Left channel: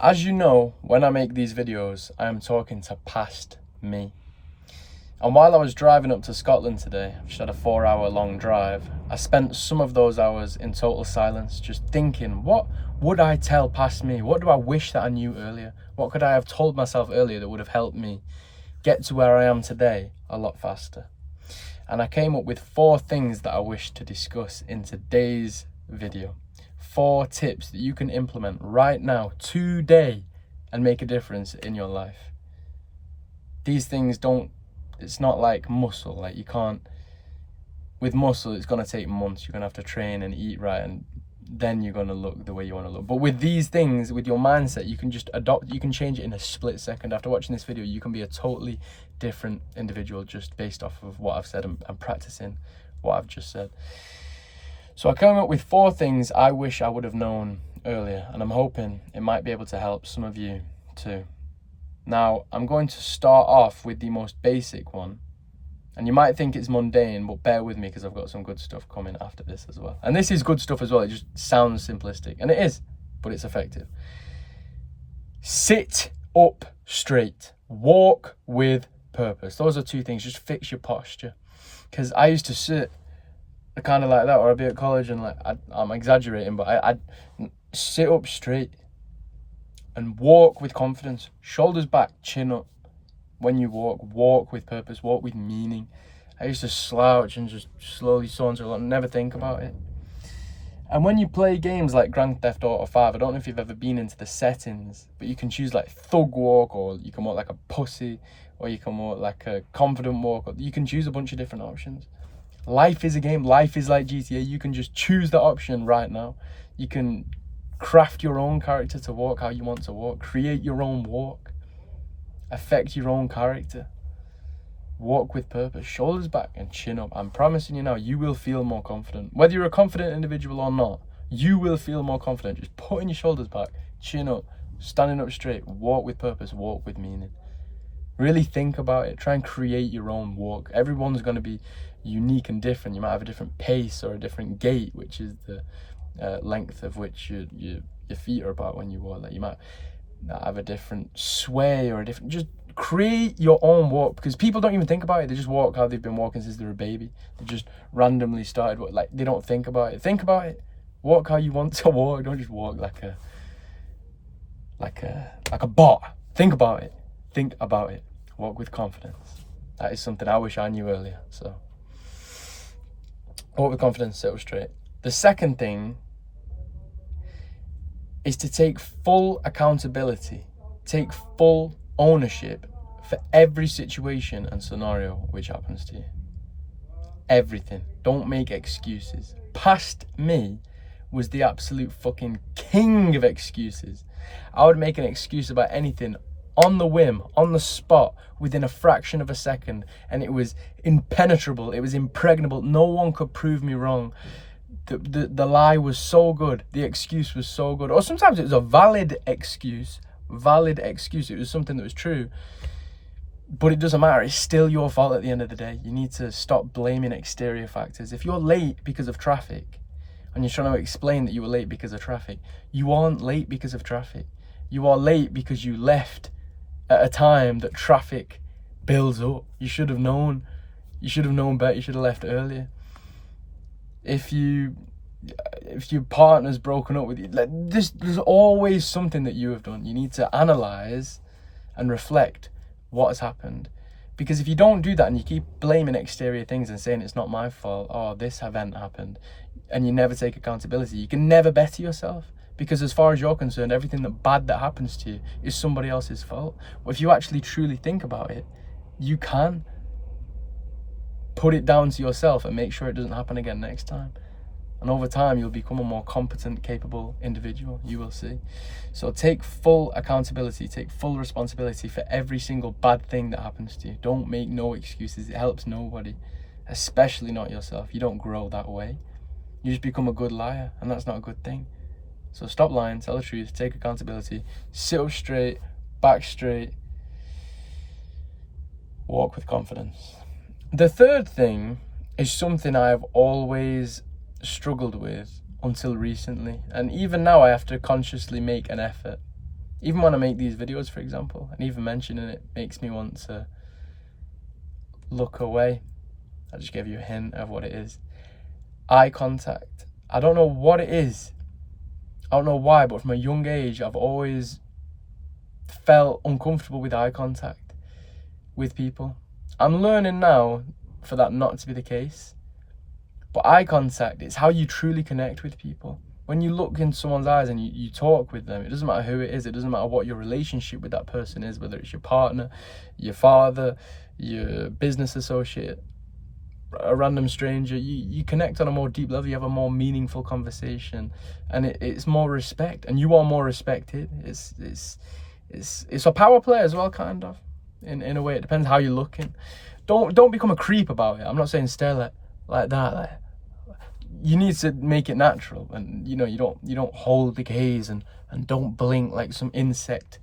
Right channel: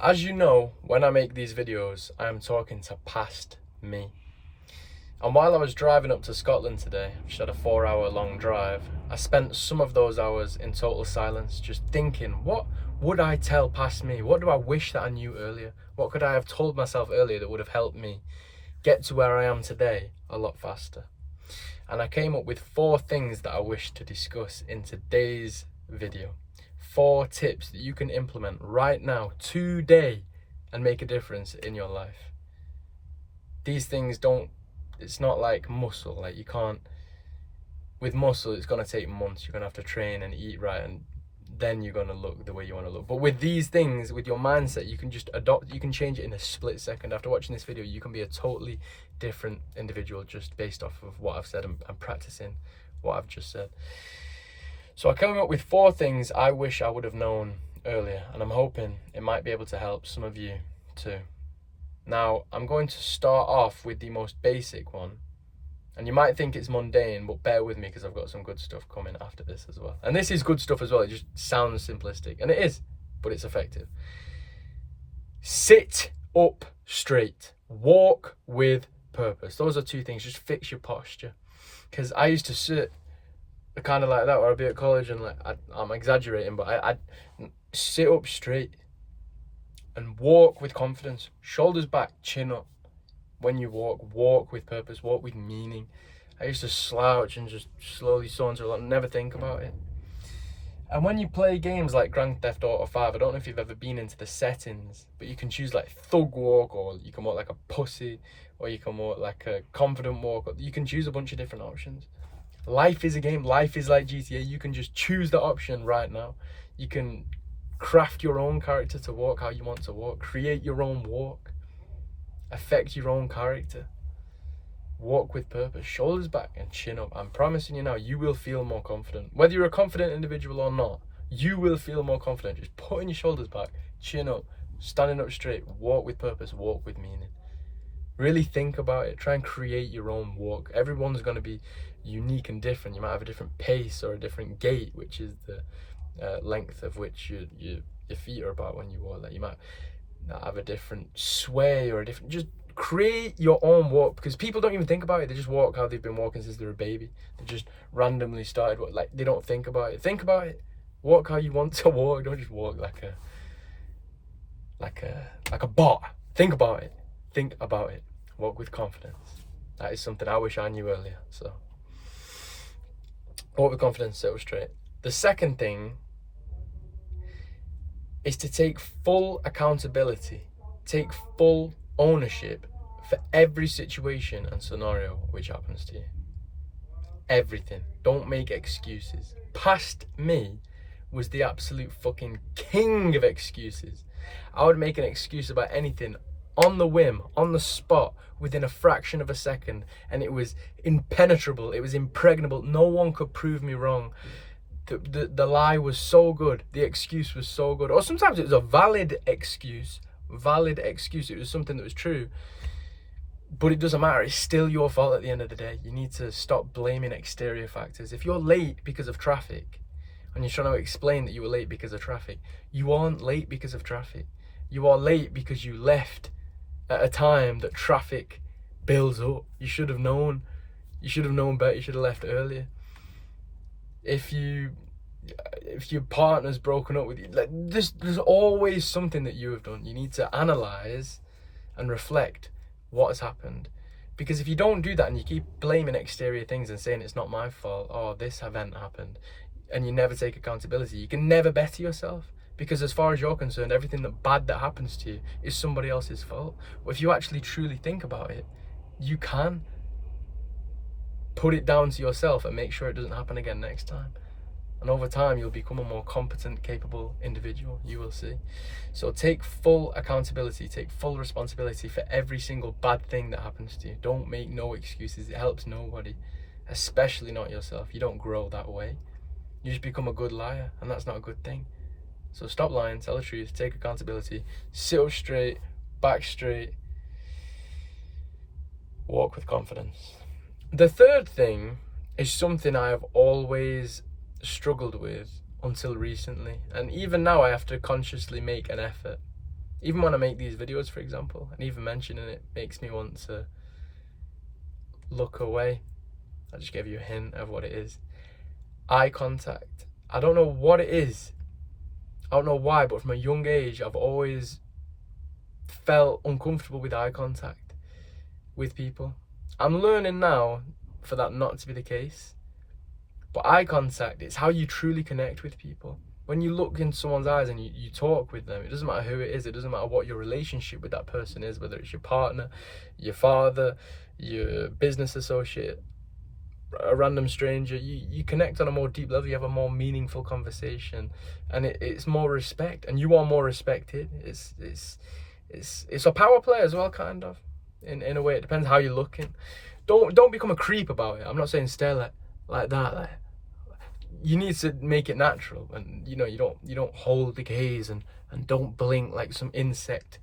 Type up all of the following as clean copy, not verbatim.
As you know, when I make these videos, I am talking to past me. And while I was driving up to Scotland today, which had a 4-hour long drive, I spent some of those hours in total silence, just thinking, what would I tell past me? What do I wish that I knew earlier? What could I have told myself earlier that would have helped me get to where I am today a lot faster? And I came up with 4 things that I wish to discuss in today's video. 4 tips that you can implement right now, today, and make a difference in your life. These things it's not like muscle. Like, you can't, with muscle, it's going to take months. You're going to have to train and eat right, and then you're going to look the way you want to look. But with these things, with your mindset, you can just you can change it in a split second. After watching this video, you can be a totally different individual just based off of what I've said and practicing what I've just said. So I came up with 4 things I wish I would have known earlier, and I'm hoping it might be able to help some of you too. Now, I'm going to start off with the most basic one, and you might think it's mundane, but bear with me because I've got some good stuff coming after this as well. And this is good stuff as well. It just sounds simplistic, and it is, but it's effective. Sit up straight. Walk with purpose. Those are 2 things. Just fix your posture. Because I used to sit kind of like that, or I'd be at college and I'm exaggerating, but I'd sit up straight and walk with confidence. Shoulders back, chin up. When you walk with purpose, walk with meaning. I used to slouch and just slowly saunter along, never think about it. And when you play games like Grand Theft Auto 5, I don't know if you've ever been into the settings, but you can choose like thug walk, or you can walk like a pussy, or you can walk like a confident walk, or you can choose a bunch of different options. Life is a game. Life is like GTA. You can just choose the option right now. You can craft your own character to walk how you want to walk. Create your own walk. Affect your own character. Walk with purpose. Shoulders back and chin up. I'm promising you now, you will feel more confident. Whether you're a confident individual or not, you will feel more confident. Just putting your shoulders back, chin up, standing up straight. Walk with purpose. Walk with meaning. Really think about it. Try and create your own walk. Everyone's going to be unique and different. You might have a different pace or a different gait, which is the length of which your feet are about when you walk. Like, you might have a different sway or a different, just create your own walk, because people don't even think about it. They just walk how they've been walking since they're a baby. They just randomly started, like, they don't think about it. Think about it. Walk how you want to walk. Don't just walk like a bot. Think about it. Think about it. Walk with confidence. That is something I wish I knew earlier. So walk with confidence, sit up straight. The second thing is to take full accountability, take full ownership for every situation and scenario which happens to you. Everything. Don't make excuses. Past me was the absolute fucking king of excuses. I would make an excuse about anything on the whim, on the spot, within a fraction of a second, and it was impenetrable, it was impregnable. No one could prove me wrong. The lie was so good, the excuse was so good, or sometimes it was a valid excuse. It was something that was true, but it doesn't matter. It's still your fault at the end of the day. You need to stop blaming exterior factors. If you're late because of traffic and you're trying to explain that you were late because of traffic, you aren't late because of traffic. You are late because you left at a time that traffic builds up. You should have known better. You should have left earlier. If your partner's broken up with you, like, there's always something that you have done. You need to analyze and reflect what has happened, because if you don't do that and you keep blaming exterior things and saying it's not my fault, oh, this event happened, and you never take accountability, you can never better yourself, because as far as you're concerned, everything that happens to you is somebody else's fault. But if you actually truly think about it, you can put it down to yourself and make sure it doesn't happen again next time. And over time, you'll become a more competent, capable individual. You will see. So take full accountability, take full responsibility for every single bad thing that happens to you. Don't make no excuses. It helps nobody, especially not yourself. You don't grow that way. You just become a good liar, and that's not a good thing. So stop lying, tell the truth, take accountability, sit up straight, back straight, walk with confidence. The third thing is something I've always struggled with until recently, and even now I have to consciously make an effort, Even when I make these videos, for example, and even mentioning it makes me want to look away. I just gave you a hint of what it is. Eye contact. I don't know what it is. I don't know why, but from a young age, I've always felt uncomfortable with eye contact with people. I'm learning now for that not to be the case. But eye contact, it's how you truly connect with people. When you look in someone's eyes and you talk with them, it doesn't matter who it is, it doesn't matter what your relationship with that person is, whether it's your partner, your father, your business associate, a random stranger, you connect on a more deep level, you have a more meaningful conversation, and it's more respect, and you are more respected. It's a power play as well, kind of, in a way. It depends how you're looking. Don't become a creep about it. I'm not saying stay like that. You need to make it natural, and you don't hold the gaze and don't blink like some insect.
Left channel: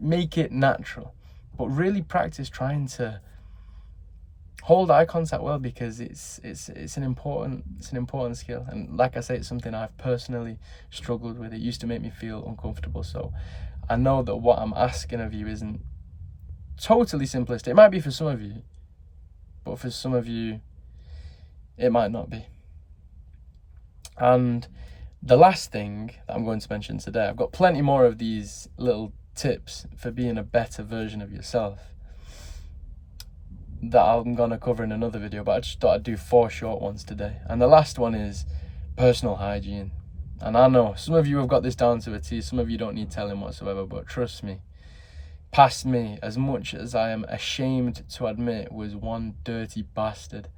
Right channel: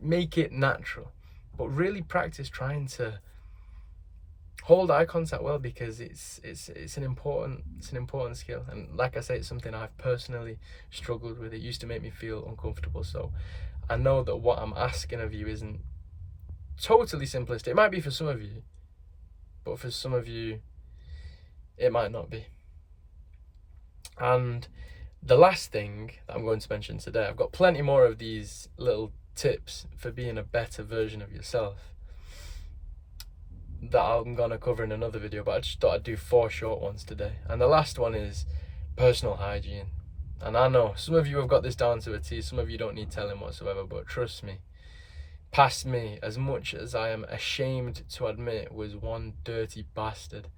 Make it natural, but really practice trying to hold eye contact well, because it's an important skill. And like I say, it's something I've personally struggled with. It used to make me feel uncomfortable. So I know that what I'm asking of you isn't totally simplistic. It might be for some of you, but for some of you, it might not be. And the last thing that I'm going to mention today, I've got plenty more of these little tips for being a better version of yourself that I'm going to cover in another video, but I just thought I'd do 4 short ones today. And the last one is personal hygiene. And I know some of you have got this down to a T, some of you don't need telling whatsoever, but trust me, past me, as much as I am ashamed to admit, was one dirty bastard.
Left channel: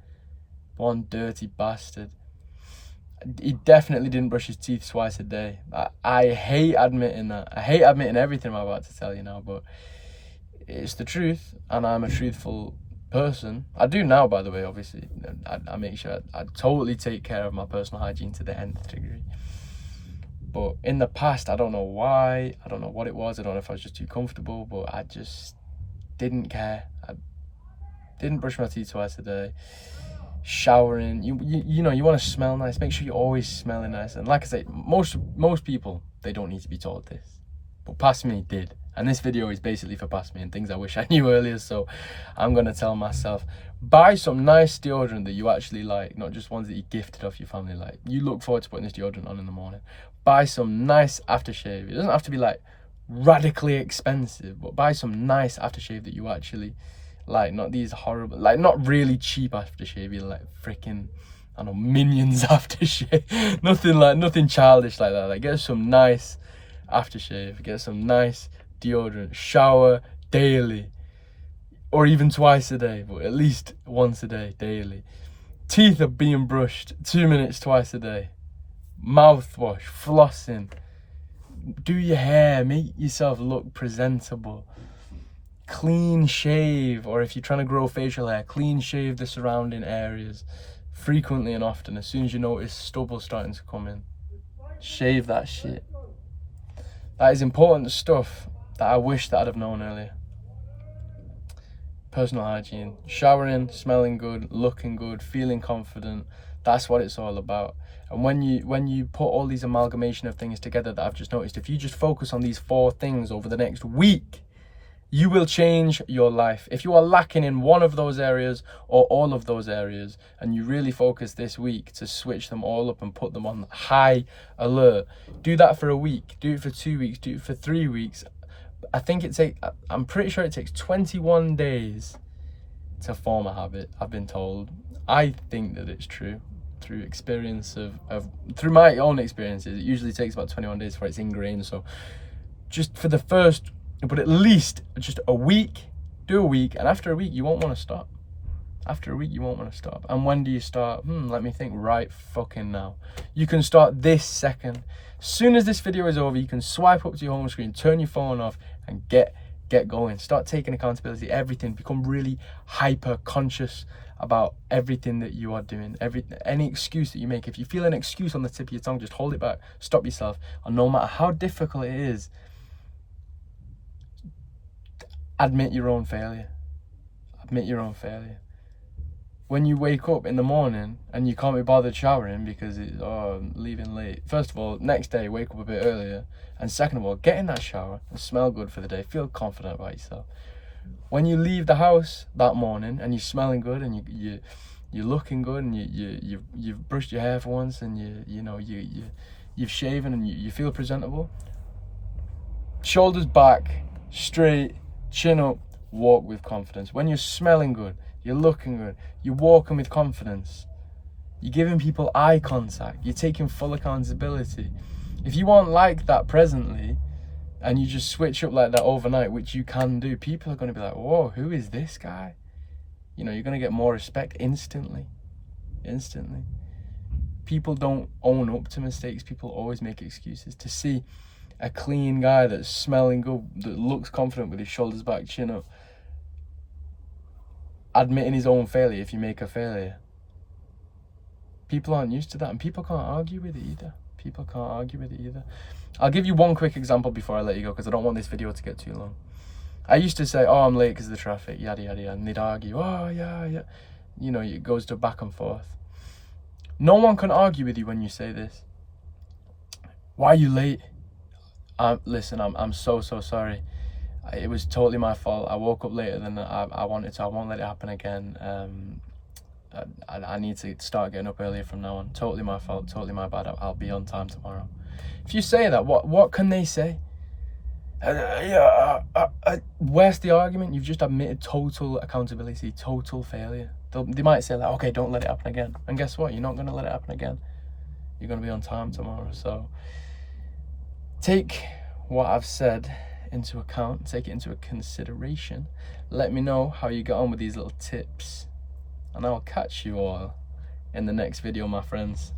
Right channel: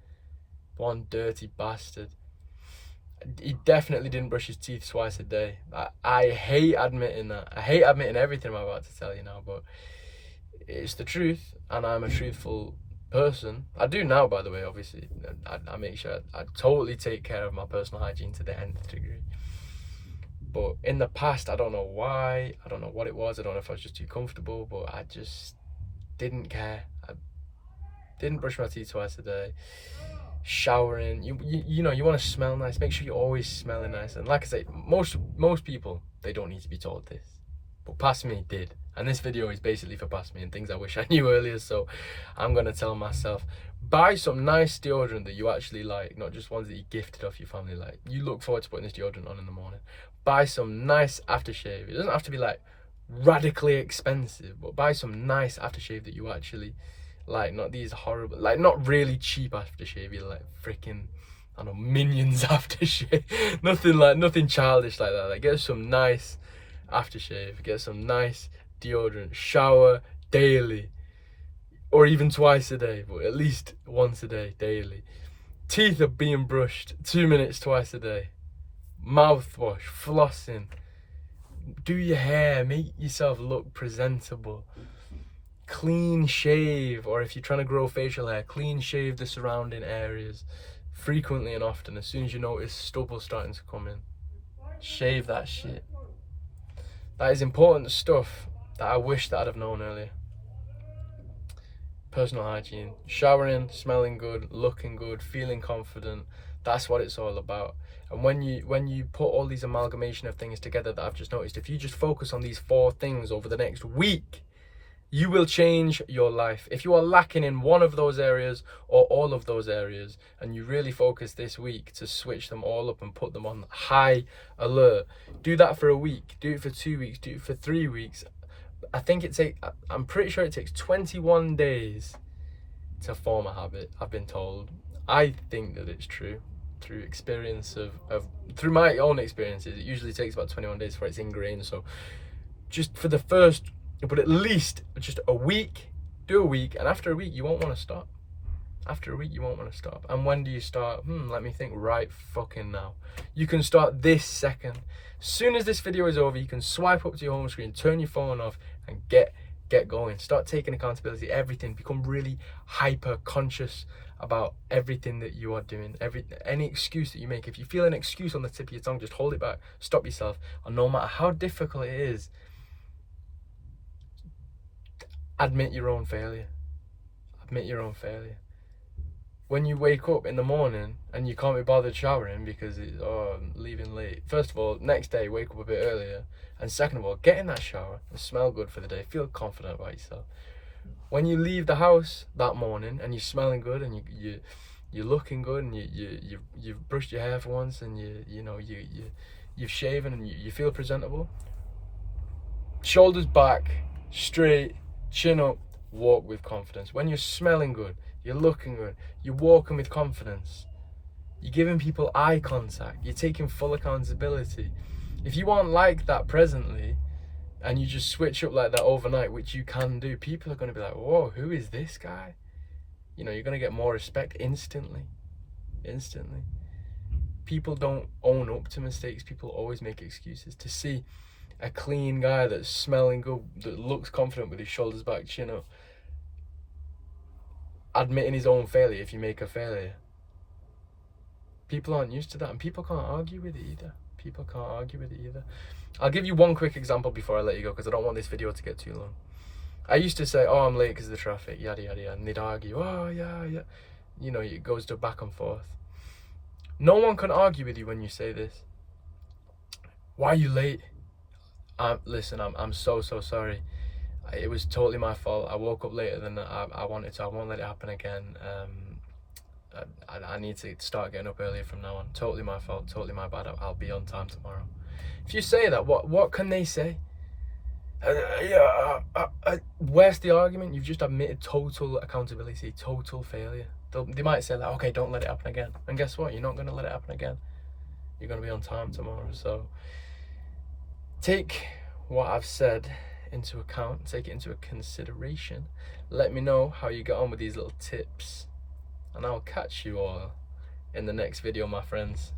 He definitely didn't brush his teeth twice a day. I hate admitting that. I hate admitting everything I'm about to tell you now, but it's the truth, and I'm a truthful person. I do now, by the way, obviously. I make sure I totally take care of my personal hygiene to the nth degree. But in the past, I don't know why, I don't know what it was, I don't know if I was just too comfortable, but I just didn't care. I didn't brush my teeth twice a day. Showering, you want to smell nice. Make sure you're always smelling nice. And like I say, most people, they don't need to be told this, but past me did. And this video is basically for past me and things I wish I knew earlier. So I'm gonna tell myself, buy some nice deodorant that you actually like, not just ones that you gifted off your family. Like, you look forward to putting this deodorant on in the morning. Buy some nice aftershave. It doesn't have to be like radically expensive, but buy some nice aftershave that you actually like, not these horrible, like, not really cheap aftershave, you like freaking, I don't know, Minions aftershave. nothing childish like that. Like, get some nice aftershave, get some nice deodorant, shower daily, or even twice a day, but at least once a day, daily. Teeth are being brushed 2 minutes twice a day. Mouthwash, flossing, do your hair, make yourself look presentable. Clean shave, or if you're trying to grow facial hair, clean shave the surrounding areas frequently and often. As soon as you notice stubble starting to come in, shave that shit. That is important stuff that I wish that I'd have known earlier. Personal hygiene, showering, smelling good, looking good, feeling confident. That's what it's all about. And when you put all these amalgamation of things together that I've just noticed, if you just focus on these 4 things over the next week, you will change your life. If you are lacking in one of those areas or all of those areas, and you really focus this week to switch them all up and put them on high alert, do that for a week, do it for 2 weeks, do it for 3 weeks. I'm pretty sure it takes 21 days to form a habit, I've been told. I think that it's true. Through experience through my own experiences, it usually takes about 21 days before it's ingrained. So just for the first, but at least just a week, do a week, and after a week you won't want to stop. After a week you won't want to stop. And when do you start? Let me think. Right fucking now. You can start this second. As soon as this video is over, you can swipe up to your home screen, turn your phone off, and get going. Start taking accountability, everything. Become really hyper conscious about everything that you are doing. Any excuse that you make, if you feel an excuse on the tip of your tongue, just hold it back, stop yourself. And no matter how difficult it is, admit your own failure. when you wake up in the morning and you can't be bothered showering because I'm leaving late. First of all, next day, wake up a bit earlier. And second of all, get in that shower and smell good for the day. Feel confident about yourself. When you leave the house that morning and you're smelling good and you're looking good and you've brushed your hair for once and you've shaven and you feel presentable, shoulders back, straight, chin up, walk with confidence. When you're smelling good, you're looking good, you're walking with confidence, you're giving people eye contact, you're taking full accountability. If you aren't like that presently and you just switch up like that overnight, which you can do, people are going to be like, whoa, who is this guy? You're going to get more respect instantly. People don't own up to mistakes. People always make excuses. To see a clean guy that's smelling good, that looks confident with his shoulders back, chin up, admitting his own failure if you make a failure. People aren't used to that, and people can't argue with it either. I'll give you one quick example before I let you go, because I don't want this video to get too long. I used to say, I'm late because of the traffic, yada, yada, yada, and they'd argue, yeah. It goes to back and forth. No one can argue with you when you say this. Why are you late? Listen, I'm so sorry. It was totally my fault. I woke up later than I wanted to. I won't let it happen again. I need to start getting up earlier from now on. Totally my fault. Totally my bad. I'll be on time tomorrow. If you say that, what can they say? Where's the argument? You've just admitted total accountability, total failure. They might say like, okay, don't let it happen again. And guess what? You're not going to let it happen again. You're going to be on time tomorrow. So take what I've said into account, take it into a consideration. Let me know how you get on with these little tips, and I'll catch you all in the next video, my friends.